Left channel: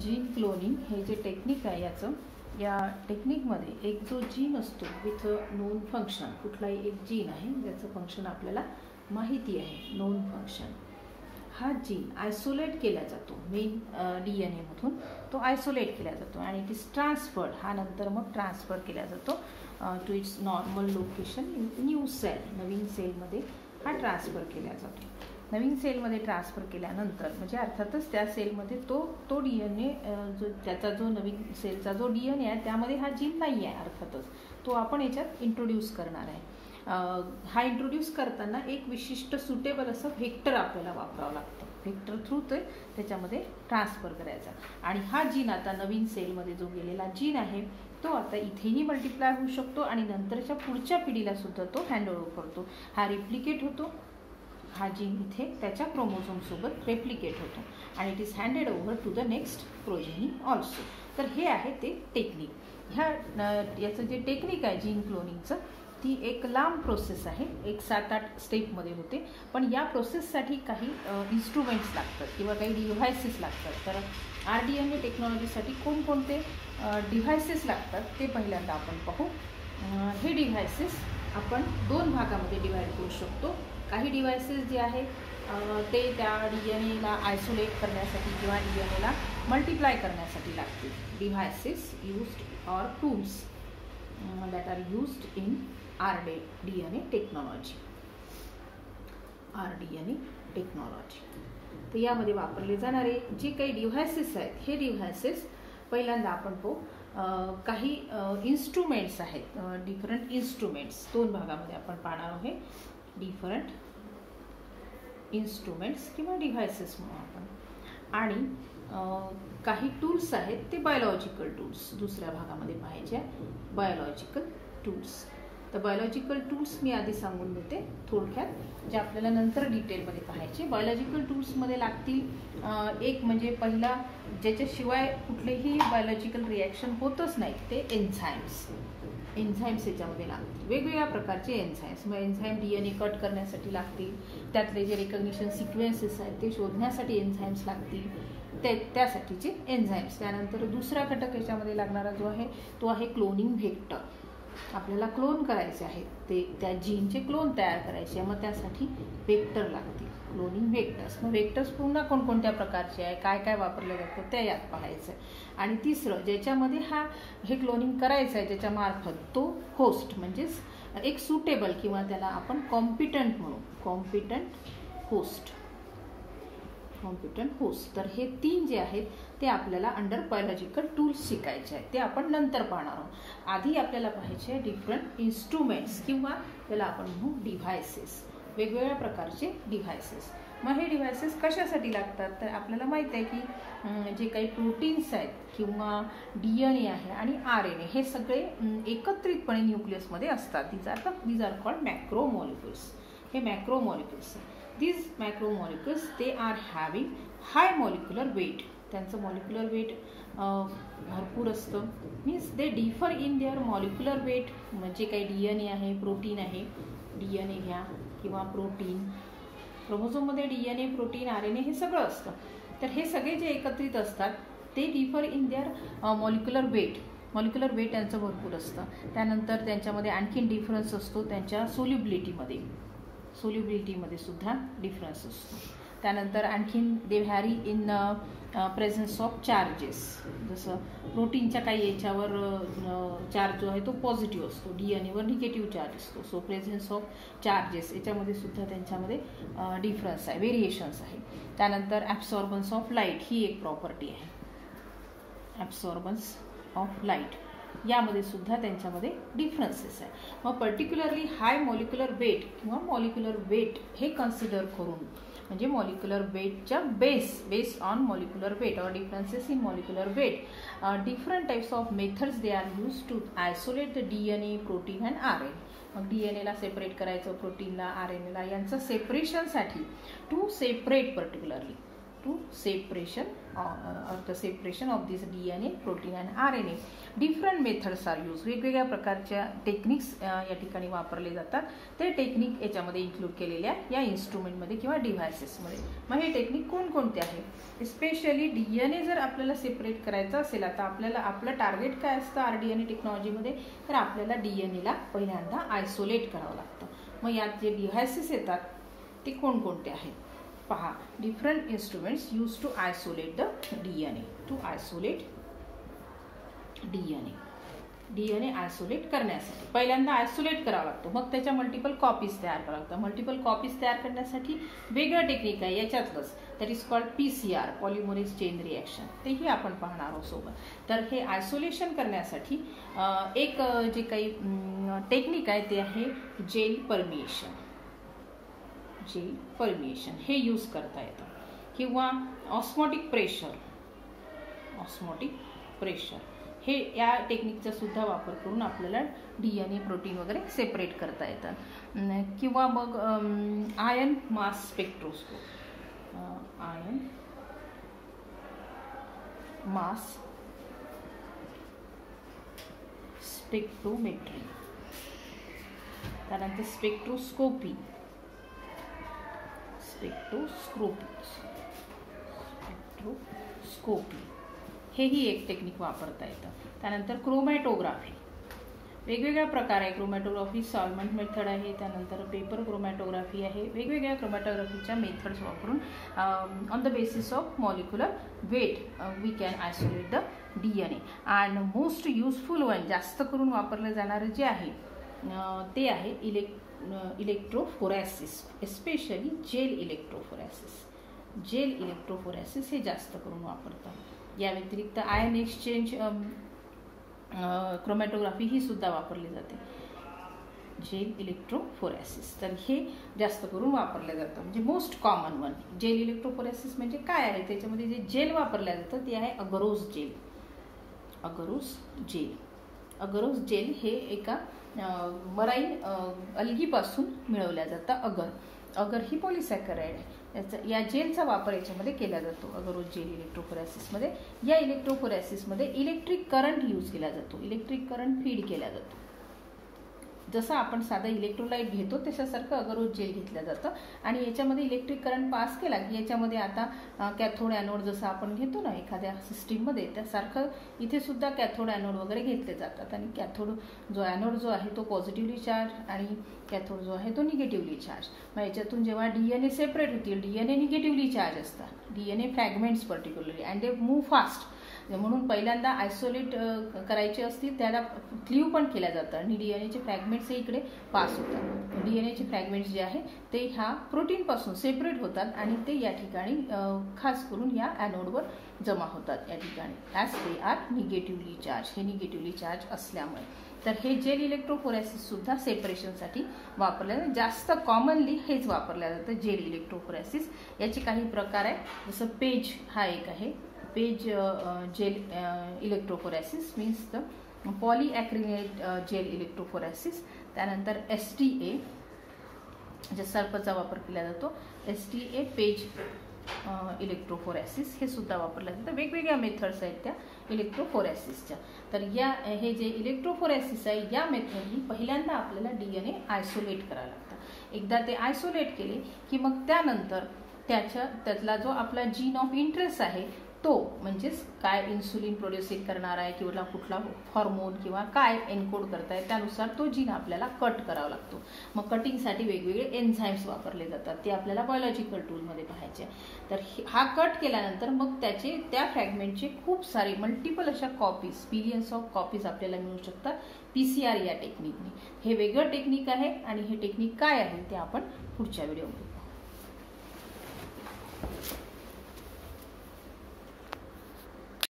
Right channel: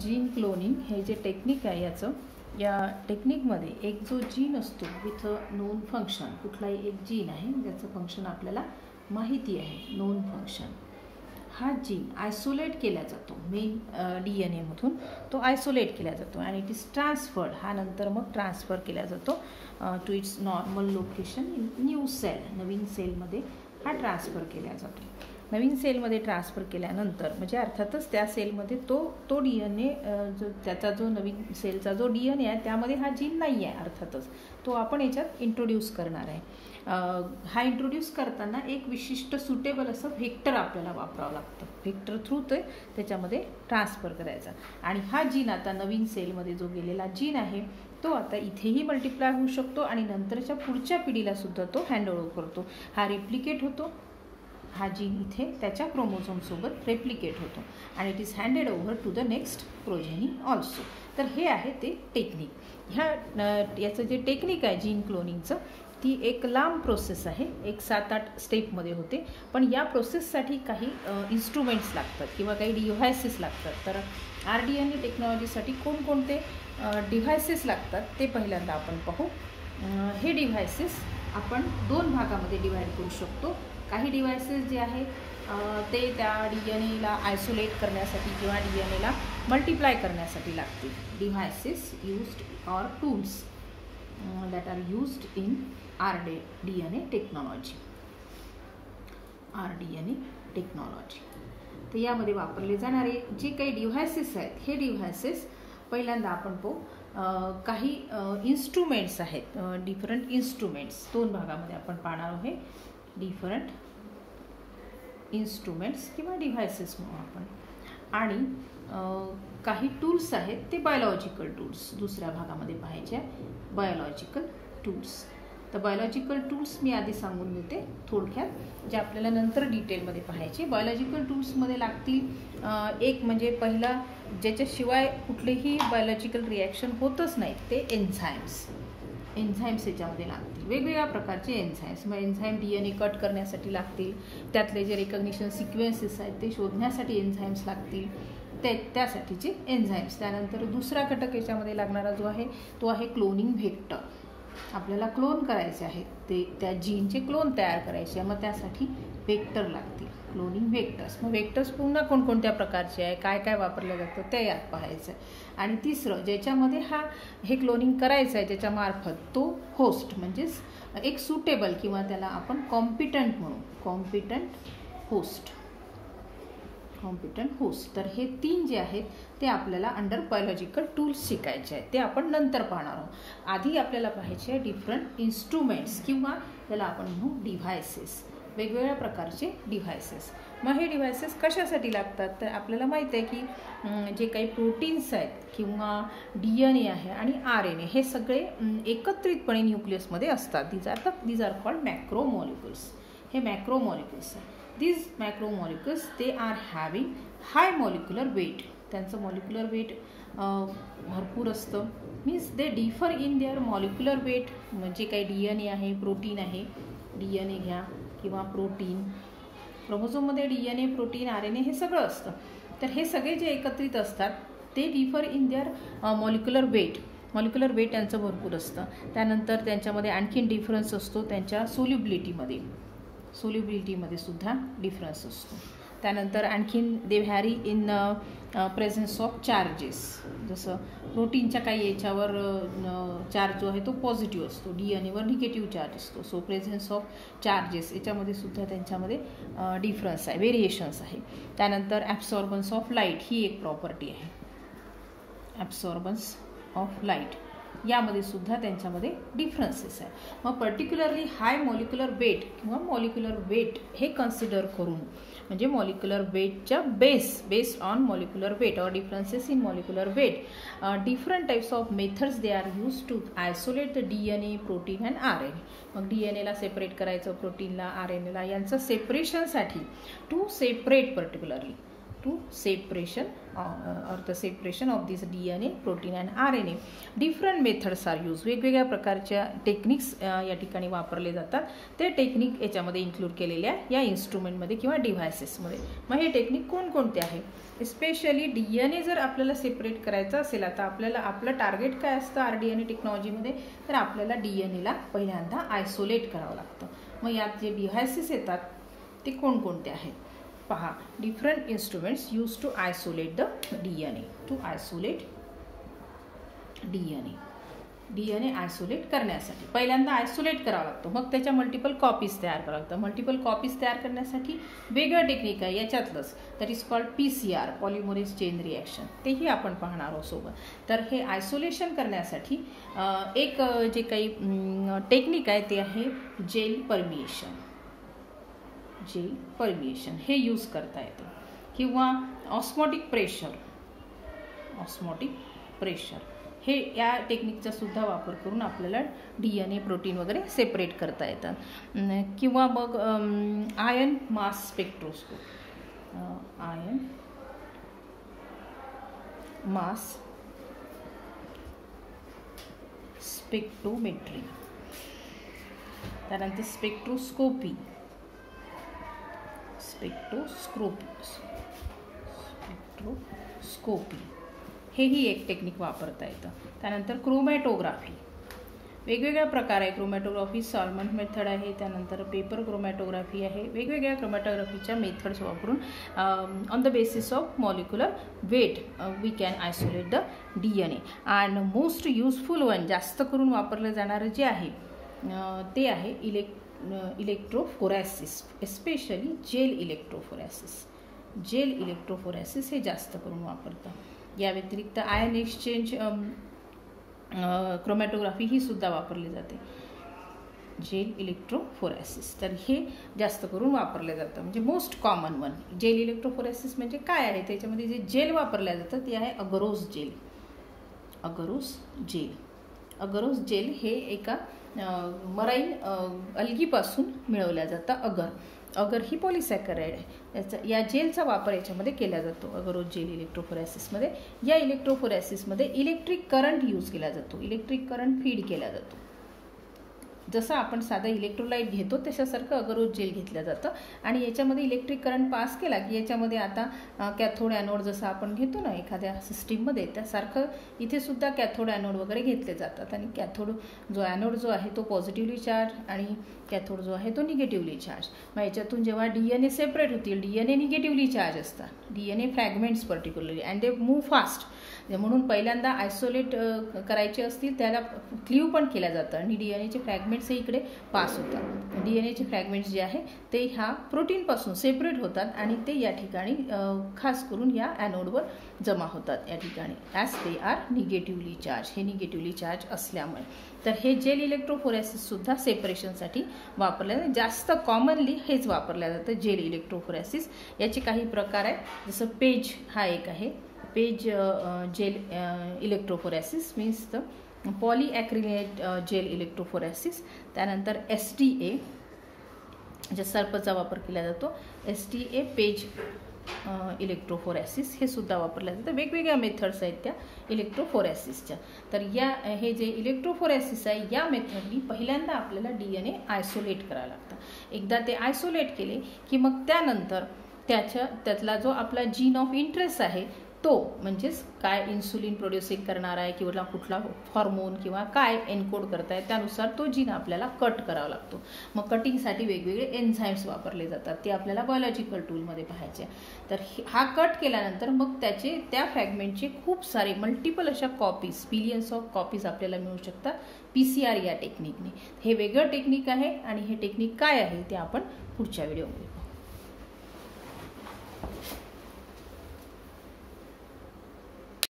Gene cloning हे जे technique आहे या टेक्निकमध्ये एक जो जीन असतो विथ नोन फंक्शन, कुठलाही एक जीन आहे ज्याचं फंक्शन आपल्याला माहिती आहे, नोन फंक्शन, हा जीन आयसोलेट केला जातो मेन DNA मधून, तो आयसोलेट केला जातो आणि इट इज ट्रान्सफर्ड, हा नंतर मग ट्रान्सफर केला जातो to its normal location in new cell, नवीन सेलमध्ये हा ट्रान्सफर केला जातो. नवीन सेलमध्ये ट्रान्सफर केल्यानंतर म्हणजे अर्थातच त्या सेलमध्ये तो DNA जो त्याचा जो नवीन सेलचा जो DNA आहे त्यामध्ये हा जीन नाही आहे, अर्थातच तो आपण याच्यात इंट्रोड्यूस करणार आहे. हा इंट्रोड्यूस करताना एक विशिष्ट सुटेबल असं व्हेक्टर आपल्याला वापरावं लागतं. व्हेक्टर थ्रू ते त्याच्यामध्ये ट्रान्सफर करायचा आणि हा जीन आता नवीन सेलमध्ये जो गेलेला जीन आहे तो आता इथेही मल्टिप्लाय होऊ शकतो आणि नंतरच्या पुढच्या पिढीला सुद्धा तो हँडओव्हर करतो. हा रिप्लिकेट होतो, हा जीन इथे त्याच्या क्रोमोझोम सोबत रेप्लिकेट होतो आणि it is handed over to the next progeny also. तर हे आहे ते टेक्निक. याचं जे टेक्निक आहे जीन क्लोनिंगचं, ती एक लांब प्रोसेस आहे, एक 7-8 स्टेपमध्ये होते. पण या प्रोसेससाठी काही इन्स्ट्रुमेंट्स लागतात किंवा काही डिव्हायसेस लागतात. तर RDNA टेक्नॉलॉजीसाठी कोणकोणते डिव्हायसेस लागतात ते पहिल्यांदा आपण पाहू. हे डिव्हायसेस आपण 2 भागामध्ये डिव्हाइड करू शकतो. काही डिव्हायसेस जे आहेत ते त्या DNAला आयसोलेट करण्यासाठी किंवा DNAला मल्टिप्लाय करण्यासाठी लागतील. Devices used or tools that are used in RDNA technology. RDNA technology, तर यामध्ये वापरले जाणारे जे काही डिव्हायसेस आहेत, हे डिव्हायसेस पहिल्यांदा आपण पाहू. काही इन्स्ट्रुमेंट्स आहेत, डिफरंट इन्स्ट्रुमेंट्स 2 भागामध्ये आपण पाहणार आहोत. डिफरंट इन्स्ट्रुमेंट्स किंवा डिव्हायसेस म्हणून आपण, आणि काही टूल्स आहेत ते बायोलॉजिकल टूल्स दुसऱ्या भागामध्ये पाहायचे. बायोलॉजिकल टूल्स, तर बायोलॉजिकल टूल्स मी आधी सांगून होते थोडक्यात, जे आपल्याला नंतर डिटेलमध्ये पाहायचे. बायोलॉजिकल टूल्समध्ये लागतील एक म्हणजे पहिला, ज्याच्याशिवाय कुठलेही बायोलॉजिकल रिॲक्शन होतच नाही, ते एन्झाईम्स. एन्झाईम्स याच्यामध्ये लागतील, वेगवेगळ्या प्रकारचे एन्झाईम्स. मग एन्झाईम DNA कट करण्यासाठी लागतील, त्यातले जे रिकग्निशन सिक्वेन्सेस आहेत ते शोधण्यासाठी एन्झाईम्स लागतील, त्यासाठीचे एन्झाईम्स. त्यानंतर दुसरा घटक याच्यामध्ये लागणारा जो आहे तो आहे क्लोनिंग व्हेक्टर. आपल्याला क्लोन करायचे आहे, ते त्या जीनचे क्लोन तयार करायचे, मग त्यासाठी व्हेक्टर लागतील, क्लोनिंग व्हेक्टर्स. मग व्हेक्टर्स पुन्हा कोणकोणत्या प्रकारचे आहे, काय काय वापरलं जातं ते यात पाहायचं. आणि तिसरं, ज्याच्यामध्ये हे क्लोनिंग करायचं आहे ज्याच्यामार्फत, तो होस्ट म्हणजेच एक सुटेबल किंवा त्याला आपण कॉम्पिटंट म्हणू, कॉम्पिटंट होस्ट. तर हे 3 जे आहेत ते आपल्याला अंडर बायोलॉजिकल टूल्स शिकायचे आहेत, ते आपण नंतर पाहणार आहोत. आधी आपल्याला पाहायचे आहे डिफरंट इन्स्ट्रुमेंट्स किंवा त्याला आपण म्हणू डिव्हायसेस, वेगवेगळ्या प्रकारचे डिव्हायसेस. मग हे डिव्हायसेस कशासाठी लागतात, तर आपल्याला माहिती आहे की जे काही प्रोटीन्स आहेत किंवा DNA आहे आणि RNA हे सगळे एकत्रितपणे न्यूक्लियसमध्ये असतात. These are called macromolecules. हे मॅक्रोमॉलिक्युल्स आहेत. These macromolecules, they are having high molecular weight. त्यांचं मॉलिक्युलर वेट भरपूर असतं. Means they differ in their molecular weight. म्हणजे काही DNA आहे, प्रोटीन आहे, DNA घ्या किंवा प्रोटीन, क्रोमोझोममध्ये DNA, प्रोटीन, RNA हे सगळं असतं. तर हे सगळे जे एकत्रित असतात ते differ in their molecular weight. Molecular weight त्यांचं भरपूर असतं. त्यानंतर त्यांच्यामध्ये आणखीन डिफरन्स असतो त्यांच्या सोल्युबिलिटीमध्ये सुद्धा डिफरन्स असतो. त्यानंतर आणखीन they vary in presence of charges. जसं प्रोटीनच्या काही याच्यावर चार्ज जो आहे तो पॉझिटिव्ह असतो, DNAवर निगेटिव्ह चार्ज असतो. सो प्रेझन्स ऑफ चार्जेस याच्यामध्ये सुद्धा त्यांच्यामध्ये डिफरन्स आहे, व्हेरिएशन्स आहे. त्यानंतर ॲब्सॉर्बन्स ऑफ लाईट ही एक प्रॉपर्टी आहे, ॲब्सॉर्बन्स ऑफ लाईट, यामध्ये सुद्धा त्यांच्यामध्ये डिफरन्सेस आहे. मग पर्टिक्युलरली हाय मॉलिक्युलर वेट किंवा मॉलिक्युलर वेट हे कन्सिडर करून, म्हणजे मॉलिक्युलर वेटच्या बेस्ड ऑन मॉलिक्युलर वेट और differences in molecular weight, different types of methods they are use to isolate the DNA, protein and RNA. मग DNAला सेपरेट करायचं, प्रोटीनला, RNAला, यांचं सेपरेशनसाठी to separate particularly to separation or the separation of this DNA, protein and RNA. Different methods are used. वेगवेगळ्या प्रकारच्या techniques या ठिकाणी वापरले जातात. ते टेक्निक याच्यामध्ये इन्क्लूड केलेल्या या इन्स्ट्रुमेंटमध्ये किंवा डिव्हाइसेसमध्ये. मग हे टेक्निक कोणकोणते आहेत? स्पेशली DNA जर आपल्याला सेपरेट करायचं असेल, आता आपल्याला आपलं टार्गेट काय असतं RDNA टेक्नॉलॉजीमध्ये, तर आपल्याला DNAला पहिल्यांदा आयसोलेट करावं लागतं. मग यात जे डिव्हाइसेस येतात ते कोणकोणते आहेत पहा. Different instruments use to isolate the DNA. To isolate DNA isolate करण्यासाठी पहिल्यांदा आयसोलेट करावं लागतं. मग त्याच्या मल्टिपल कॉपीज तयार करावं लागतं. मल्टिपल कॉपीज तयार करण्यासाठी वेगळं टेक्निक आहे याच्यातलंच, that is called PCR, polymerase chain reaction. तेही आपण पाहणार आहोत सोबत. तर हे आयसोलेशन करण्यासाठी एक जे काही टेक्निक आहे ते आहे जेल परमिएशन. हे यूज करता येतं. किंवा ऑस्मोटिक प्रेशर हे या टेक्निकचा सुद्धा वापर करून आपल्याला DNA, प्रोटीन वगैरे सेपरेट करता येतात. किंवा मग आयन मास स्पेक्ट्रोस्कोप, आयन मास स्पेक्ट्रोमेट्री, त्यानंतर स्पेक्ट्रोस्कोपी हेही एक टेक्निक वापरता येतं. त्यानंतर क्रोमॅटोग्राफी, वेगवेगळ्या प्रकार आहे. क्रोमॅटोग्राफी सॉल्व्हंट मेथड आहे, त्यानंतर पेपर क्रोमॅटोग्राफी आहे. वेगवेगळ्या क्रोमॅटोग्राफीच्या मेथड्स वापरून on the basis of molecular weight we can isolate the DNA. And most useful one, जास्त करून वापरलं जाणारं जे आहे ते आहे इलेक्ट्रोफोरेसिस, एस्पेशली जेल इलेक्ट्रोफोरेसिस हे जास्त करून वापरतं. या व्यतिरिक्त आयन एक्सचेंज क्रोमॅटोग्राफी ही सुद्धा वापरली जाते, जेल इलेक्ट्रोफोरेसिस. तर हे जास्त करून वापरलं जातं. म्हणजे most common one gel electrophoresis म्हणजे काय आहे, त्याच्यामध्ये जे जेल वापरलं जातं ते आहे अगरोस जेल हे एका मराईन अल्गीपासून मिळवल्या जातं. अगर ही पॉलिसॅकराइड आहे. या जेलचा वापर याच्यामध्ये केला जातो अगरोस जेल इलेक्ट्रोफोरेसिसमध्ये. या इलेक्ट्रोफोरेसिसमध्ये इलेक्ट्रिक करंट यूज केला जातो, इलेक्ट्रिक करंट फीड केला जातो. जसं आपण साधा इलेक्ट्रोलाइट घेतो तशासारखं अगरोस जेल घेतलं जातं. आणि याच्यामध्ये इलेक्ट्रिक करंट पास केला की याच्यामध्ये आता कॅथोड ॲनोड जसं आपण घेतो ना एखाद्या सिस्टीममध्ये, त्यासारखं इथे सुद्धा कॅथोड ॲनोड वगैरे घेतले जातात. आणि कॅथोड ॲनोड जो आहे तो पॉझिटिव्हली चार्ज आणि कॅथोड जो आहे तो निगेटिव्हली चार्ज. मग याच्यातून जेव्हा DNA सेपरेट होतील, DNA निगेटिव्हली चार्ज असतात, DNA fragments particularly, and they move fast. म्हणून पहिल्यांदा आयसोलेट करायचे असतील त्याला क्लीव पण केलं जातं आणि DNAचे फ्रॅगमेंट्स हे इकडे पास होतात. DNAचे फ्रॅगमेंट्स जे आहे ते ह्या प्रोटीनपासून सेपरेट होतात आणि ते या ठिकाणी खास करून या ॲनोडवर जमा होतात या ठिकाणी, as they are negatively charge. हे निगेटिव्हली चार्ज असल्यामुळे. तर हे जेल इलेक्ट्रोफोरेसिस सुद्धा सेपरेशनसाठी वापरलं जातं. जास्त कॉमनली हेच वापरलं जातं जेल इलेक्ट्रोफोरेसिस. याचे काही प्रकार आहेत, जसं पेज हा एक आहे. PAGE gel electrophoresis means the polyacrylate gel electrophoresis. त्यानंतर STA जे सर्पचा वापर केला जातो, STA पेज इलेक्ट्रोफोरेसिस हे सुद्धा वापरलं जातं. वेगवेगळ्या मेथड्स आहेत त्या इलेक्ट्रोफोरेसिसच्या. तर हे जे इलेक्ट्रोफोरेसिस आहे या मेथडनी पहिल्यांदा आपल्याला DNA आयसोलेट करावं लागतं. एकदा ते आयसोलेट केले की मग त्यानंतर त्यातला जो आपला जीन ऑफ इंटरेस्ट आहे तो, म्हणजेच काय इन्सुलिन प्रोड्युसिंग करणार आहे किंवा कुठला हॉर्मोन किंवा काय एन्कोड करताय त्यानुसार तो जीन आपल्याला कट करावा लागतो. मग कटिंगसाठी वेगवेगळे एन्झाईम्स वापरले जातात, ते आपल्याला बायोलॉजिकल टूलमध्ये पाहायचे. तर हा कट केल्यानंतर मग त्या फ्रॅगमेंटचे खूप सारे मल्टिपल अशा कॉपीज, बिलियन्स ऑफ कॉपीज आपल्याला मिळू शकतात PCR या टेक्निकने. हे वेगळं टेक्निक आहे आणि हे टेक्निक काय आहे ते आपण पुढच्या व्हिडिओमध्ये